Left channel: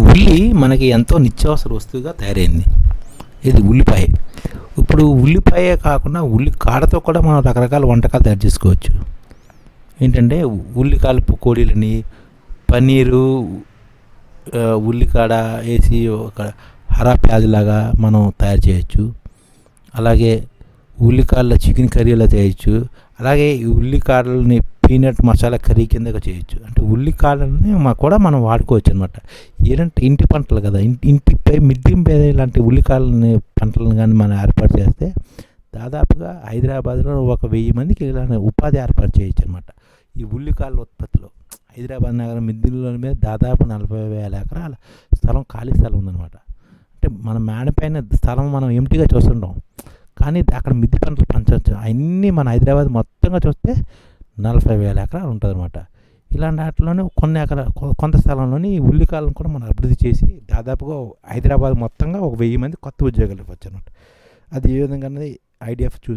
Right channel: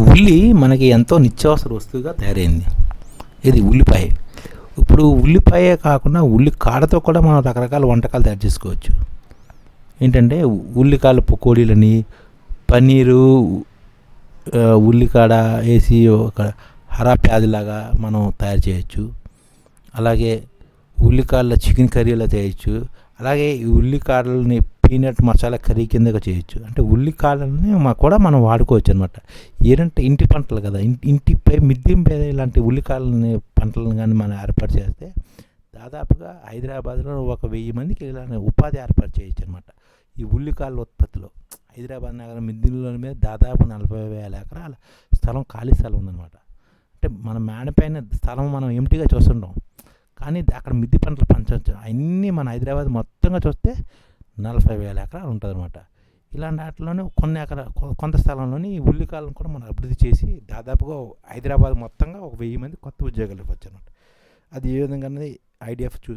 ఉల్లి మనకి ఎంతో నిత్యావసర వస్తువుగా తయారైంది. ఇది ఉల్లిపాయ. ఇప్పుడు ఉల్లిపాయే కాకుండా ఉల్లి కాడతో కూడా మనం రకరకాల వంటకాలు తయారు చేసుకోవచ్చు. ఏంటంటే ఉల్లికాయలు పకోడీలని పన్నీరు ఉల్లికాడ వేసి ఒక హరా ప్యాదిలాగా మనం తయారు చేయొచ్చు. అలాగే ఉల్లికాడల చికెన్ కర్రీలా చేయొచ్చు. అలాగే ఈ ఉల్లికాడలని పీనట్ మసాలా కర్రీ కిందగా చేయొచ్చు. అంటే ఉల్లికాయలని మా కూడా మనం వాడుకోవచ్చు అనమాట ఏంటంటే ఇంటి పంటలు కదా. ఇంటి ఇంటిపై మిద్దింపై ఇలాంటి ఉల్లికాయలని పంటలను కానీ మనం ఏర్పాటు చేస్తే దాదాపుగా హైదరాబాద్లో ఒక వెయ్యి మందికి ఇలానే ఉపాధి ఏర్పాటు చేయొచ్చు అనమాట ఈ ఉల్లికాయల ఉత్పత్తిలో. హైదరాబాద్ నగరం మిద్దిల మీద దాదాపు నలభై వేల ఎకరాల స్థలం ఖాళీ స్థలం ఉందన్నమాట. అంటే మన మేడ పైన స్థలం మనం ఎంటీగా చూస్తుంటాం. కానీ అక్కడ మిద్ది పంటలు పంచవచ్చు. అన్నీ మన హైదరాబాద్ మొత్తంగా చూస్తే నలభై వేల ఎకరాలు ఉంటుంది అనమాట ఇలాంటి వాటిలోనే కొన్ని ఎకరా కొ- కొంత స్థలంలోని ఈ ఉల్లికాయలను కూడా మనం అభివృద్ధి చేసి దాదాపుగా హైదరాబాద్ మొత్తంగా ఒక వెయ్యి మంది కొత్త ఉద్యోగాలు ఇవ్వచ్చు అనమాట అది ఏ విధంగా అనేది ఐడిఎఫ్ చూ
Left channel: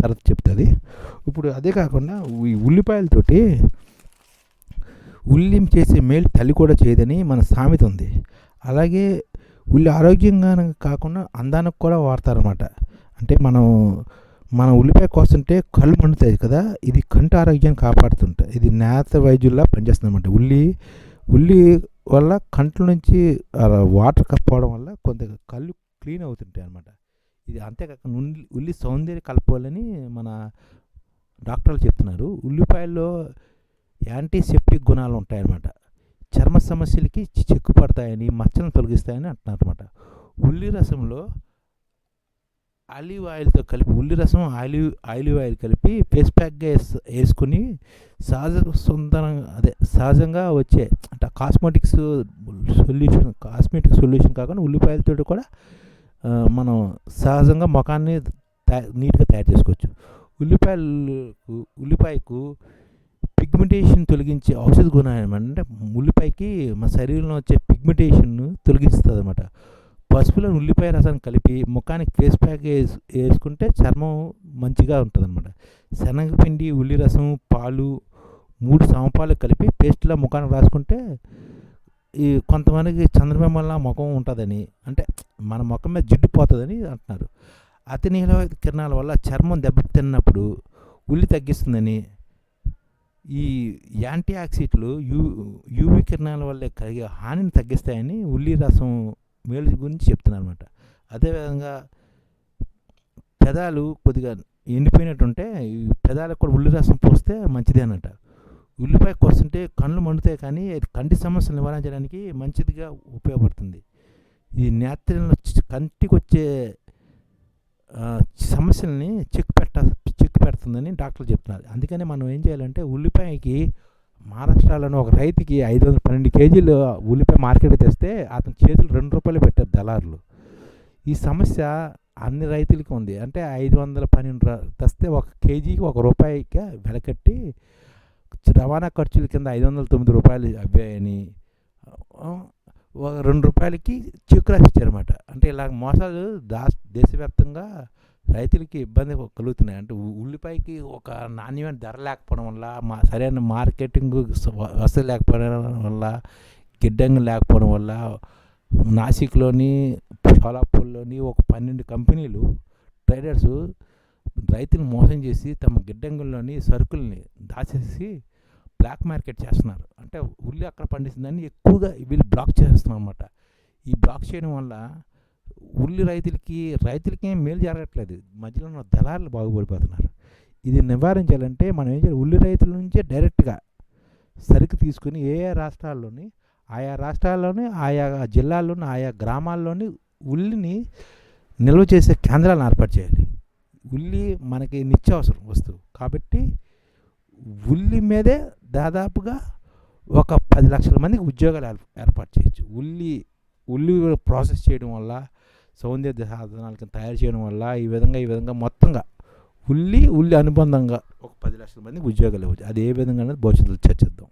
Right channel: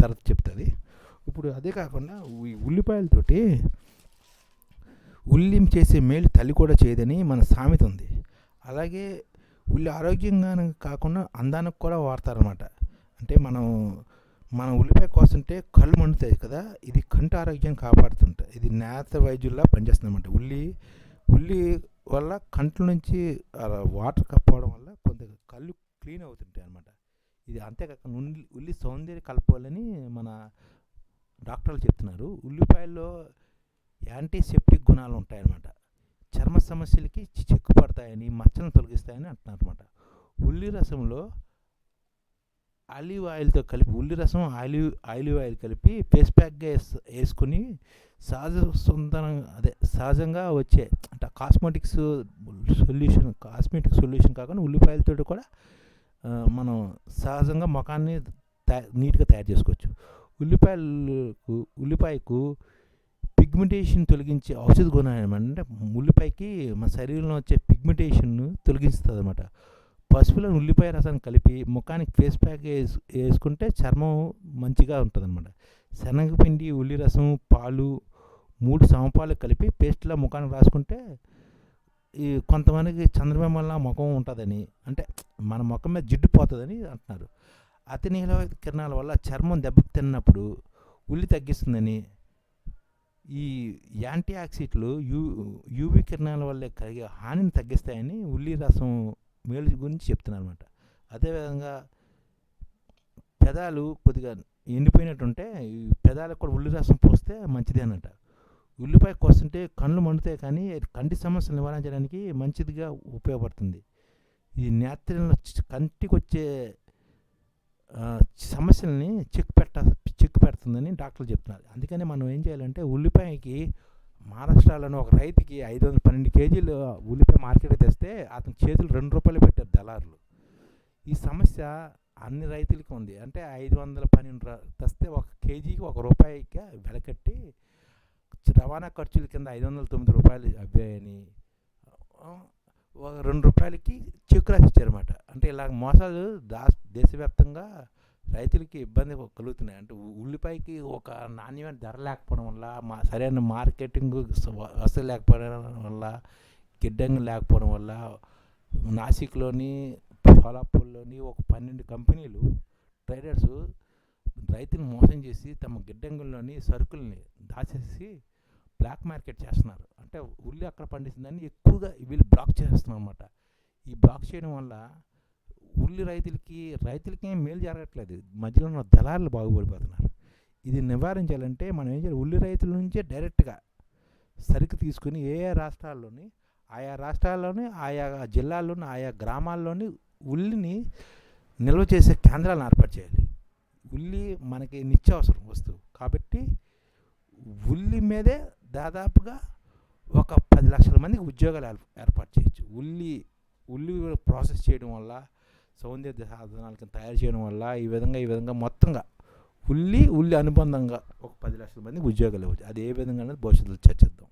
తర్వాత చెప్తుంది. ఇప్పుడు అదే కాకుండా ఈ ఉల్లిపాయలతోటి ఉల్లిం చేసే మేలు తల్లి కూడా చేయదని మన సామెత ఉంది. అలాగే ఉల్లి ఆరోగ్యంగా కాకుండా అందానికి కూడా వాడతారనమాట అంటే మనం మన ఉల్లిపాయ కోస్తుంటే కళ్ళు మండుతాయి కదా ఇది కంటి ఆరోగ్యాన్ని కాపాడుతుంటుంది ఇది నేత వైద్యుల్లా పనిచేస్తుందన్నమాట. ఉల్లి ఉల్లి వల్ల కంట్ల నుంచి వాటర్ కప్పవడం వల్ల కొంత కళ్ళు క్లీన్ అవుతుంటాయి అనమాట ఇది అంతేకాక ఉల్లి ఉల్లి సౌందర్య కలపాలని మన డాక్టర్లు చెప్తున్నారు. ఉల్లిపాయల్లో యాంటీసెప్టిక్ గుణాలు ఉంటాయన్నమాట. చర్మ సమస్యలకి చి- చిక్కు పడతాయని మచ్చలను తొలగిస్తాయని అంటున్నారు అనమాట ఉల్లి రసంలో ఆలివ్ ఆయిల్తో కలిపి ఉల్లి రసం ఆలివ్ ఆలివ్ ఆయిల్ కలిపి ఫేస్ ప్యాక్గా వేసుకుని సహజ సుందరంగా అదే సహజంగా వచ్చే అంటే కాస్మెటిక్స్ సొల్యూషన్ కాస్మెటిక్ సొల్యూషన్ కాకుండా ఉల్లిపాయలతో కూడా మనం సహజంగా ముఖాన్ని నీట్గా తయారు చేసుకోవచ్చు. ఉల్లిపాయలకు ఉల్లిపాయకు పిగ్మెంటేషన్ తొలగించే ఔషధ గుణం అంటే ఉల్లిపాయకి మన శరీరంలో వచ్చే పిగ్మెంటేషన్ను తొలగిస్తుంది అనమాట పసుపులో ఉల్లిపాయ రసం కలిపి ముఖానికి ఫేస్ ప్యాక్ వేసు వేసుకుంటే చర్మం మంచిగా ఉంటుంది అనమాట శనగపిండి ఉల్లి రసం పాలు మూడు సమపాలు కలిపి పేస్ట్లా ముఖానికి రాసుకుంటే ఈ కొంతమందికి చంద్రబింబంలా ముఖం ఉంటుందని అంటే మన ముఖం మీద జిడ్డు పోతుందని అంటున్నారు. అతి నీల కిరణాల వల్ల చర్మం దెబ్బతిన్నప్పుడు ఉల్లి తగ్గిస్తుందని ఈ యాంటీ ఆక్సిడెంట్లు యూ యూవి కిరణాల వల్ల కలిగే హానిని తగ్గిస్తాయని ఉల్లి రసం మేలు గురించి చెప్తున్నారు అనమాట అదేవిధంగా పెదాలు కొద్దిగా ఎండిపోయినట్టుంటే ఈ పెదాలకు కూడా ఉల్లి రసం పోస్తే మంచిది అనమాట ఉల్లిపాయ కోస్తుంటే కళ్ళు మండుతాయి కానీ అది కంటి సమస్యలు నివారించడానికి మంచిదిగా ఉపయోగపడుతుంది. ఈ నేత్రంలో కంటికి వచ్చే సమస్యల్ని చెక్ పెట్ట చెక్ పెడుతుందని డాక్టర్లు చెప్తున్నారు. అందుకనే మనం ఏం చేయాలంటే ఉల్లిపాయకి మహారాష్ట్రలోని ఒక రైతుకి ఐదు వందల పన్నెండు కేజీలు ఉల్లిపాయ మార్కెట్ తెస్తే అతని చేతులు రెండు రూపాయలు పెట్టారు దళారులు. ఈ సమస్య అన్ని రైతులకి ఉంది. అంటే ఐదు వందల పన్నెండు తెస్తే ఒక కేజీకి ఒక రూపాయికి వెలకట్టి రవాణా ఖర్చుల కింద ఐదు వందల తొమ్మిది రూపాయలు అవ్వాయని ఒక రెండు రూపాయలకి చెక్ రాసి ఇచ్చారన్నమాట అంటే ఇలా మోసాలు దా దేశవ్యాప్తంగా రైతులకి ఇబ్బంది కలుగుతున్నాయి. అంటే ఉల్లిపాయకి ఒక నాణ్యమైన ధర లేకపోవడం వల్ల మా సరైన మార్కెటింగ్ వసతి లేకపోవడం వల్ల గిడ్డంగి లేకపోవడం వల్ల నాసిక్లోని షోలాపూర్లోని ఒక పన్నెండు కంపెనీలు ట్రేడర్స్ రైతులు మోసం చేసి తమ గిడ్డంగుల్లోని సరుకుల్ని దాచేసి బ్లాక్ మార్కెట్ చేస్తున్నారు. అంటే ఉల్లి అక్కడ పండిస్తుందని ఎక్కువగా వీళ్ళు బ్లాక్ చేస్తున్నారు అనమాట ఈ బ్లాక్ చేయడం వల్ల ఉల్లి రైతులకి రైతులకి ఏం మేలు జరగట్లేదు. మధ్యలో ఉన్న దళారులు బాగుపడిపోతున్నారు. ఇది నివారించాలంటే మనం ఏం చేయాలి? ఉల్లి రైతుల నుంచే డైరెక్ట్గా సరుకు తీసుకుని ఏ ఏ రాష్ట్రాల్లోని ఆయా రాష్ట్రాల్లోని ఆయా జిల్లాల్లోని ఆయా గ్రామాల్లోని ఉల్లిని నిల్వ చేసే కేంద్రాలను ఏర్పాటు చేయాలి. ఉల్లి మనకి నిత్యావసరం వస్తువు. కాబట్టి ఉల్లి మీదే దాదాపుగా ఒక పది లక్షల మందికి ఉద్యోగాలు ఏర్పాటు చేయొచ్చు. ఉల్లి ఉల్లి ప్రాసెస్ చేయడం వల్ల సౌందర్య సాధనాలకి తయారు చేయడం వల్ల ఈ విధంగా ఈ విధంగా మొత్తంగా ఉల్లి ఉల్లి అనుబంధంగా ఒక పది లక్షల మంది ఉద్యోగాలు ఇవ్వచ్చు. అది ఏ విధంగా అనేది భవిష్యత్తులో చర్చిద్దాం.